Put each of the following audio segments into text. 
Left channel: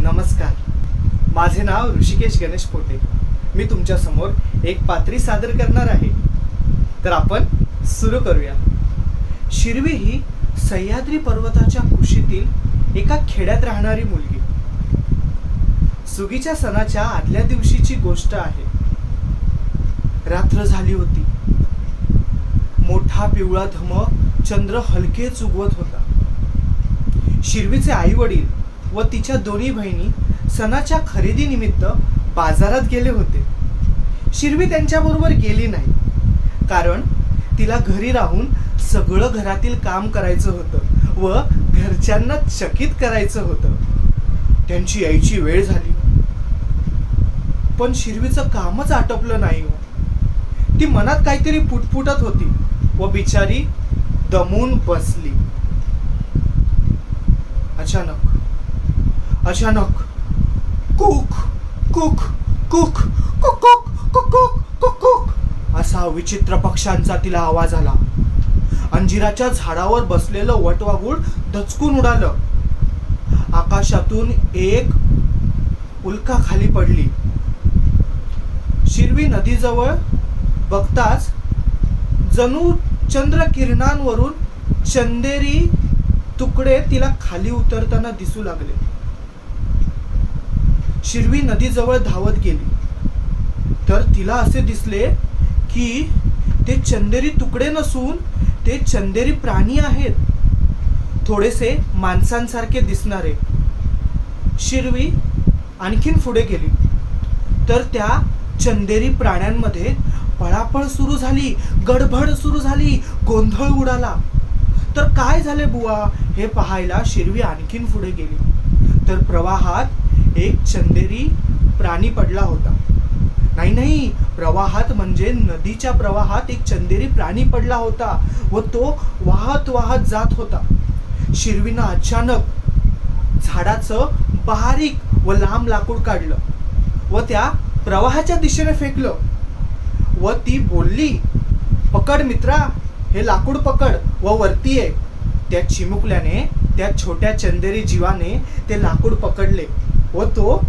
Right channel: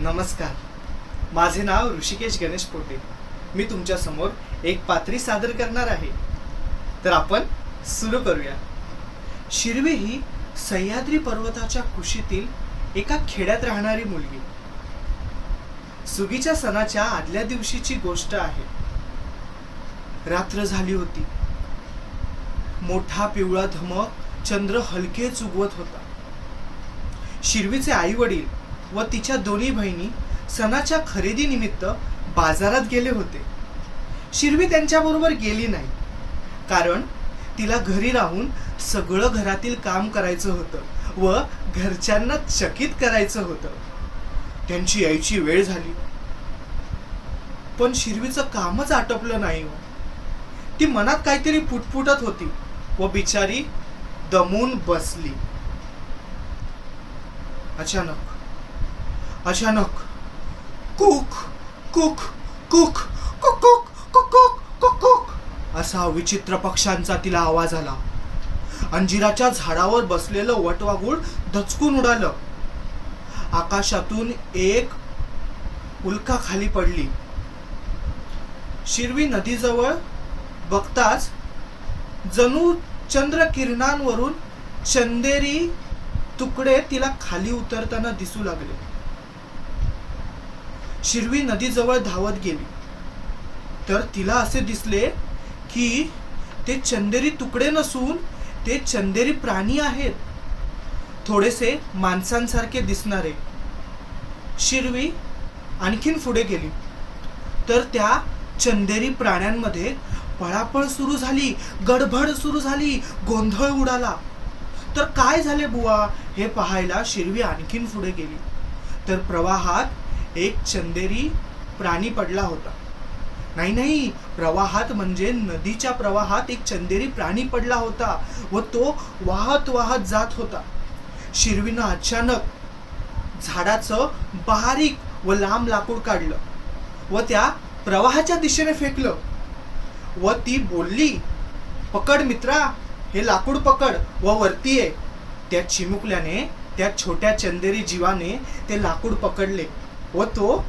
नमस्कार, माझे नाव ऋषिकेश गणेश पोटे. मी तुमच्या समोर एक पात्री सादर करणार आहे. तर आपण सुरू करूया. शिरवी ही सह्याद्री पर्वताच्या कुशीतील एका खेड्यात राहणारी मुलगी. सुगीच्या सणाच्या आदल्या दिवशीची गोष्ट आहे. रात्र झाली होती. मोठा पिवळा धमक चंद्र हलकेच उगवत होता. शिरवीचे आई वडील व तिच्या दोन्ही बहिणी सणाच्या खरेदी निमित्त बाजारात गेले होते. शिरवी त्यांच्याबरोबर गेली नाही, कारण तिला घरी राहून सगळं घरातील काम करायचं होतं व घरच्यांना चकित करायचं होतं. त्यांची यायची वेळ झाली, पण शिरवीचं कामच आटोपलं नाही. ती मनात काहीतरी पुटपुटत होती व बिचारी दमून बसली. अचानक cook cook cook cook cook cook cook असा विचित्र पक्ष्यांचा तिला आवाज आला. अंजिराच्या झाडावर बसलेलं वटवाघूळ दचकून उडालं. आकाशातून एक उल्का खाली पडली. शिरवी नदीजवळ बघताच जणू चंद्रकिरणांवरून चंदेरी तुकडे तिला खाली उतरताना दिसू लागले. शिरवी नदीजवळ धावत गेली, तर तिला असे दिसले की ते चंदेरी तुकडे नसून ते चंदेरी प्राणी आहेत, थोडेसे माणसांसारखे दिसणारे. शिरवी आणखीन पुढे गेली, तर त्या चंदेरी प्राण्यांमध्ये पळापळ सुरू झाली, गडबड सुरू झाली, गोंधळ उडाला. तर काय झाले बुवा हे पाहायला शिरवी आणखीन पुढे गेली, तर प्रवाहात एक चंदेरी प्राणी पडला होता. नाही, प्रवाहात म्हणजे नदीच्या प्रवाहात एक चंदेरी प्राणी पडला होता व तो वाहत वाहत जात होता. शिरवीनं अचानक झाडाचं बारीक व लांब लाकूड काढलं व त्या प्रवाहाच्या दिशेने फेकलं व ती बोलली, "पकड मित्रा, हे लाकूड पकड व वरती ये." त्या चिमुकल्याने, त्या छोट्या चंदेरी जीवाने ते लाकूड पकडले व तो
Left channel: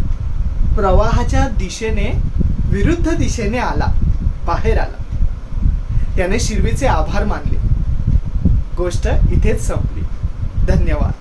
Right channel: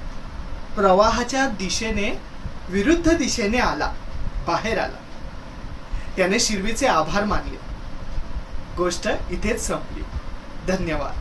प्रवाहाच्या दिशेने, विरुद्ध दिशेने बाहेर आला. त्याने शिरवीचे आभार मानले. गोष्ट इथेच संपली. धन्यवाद.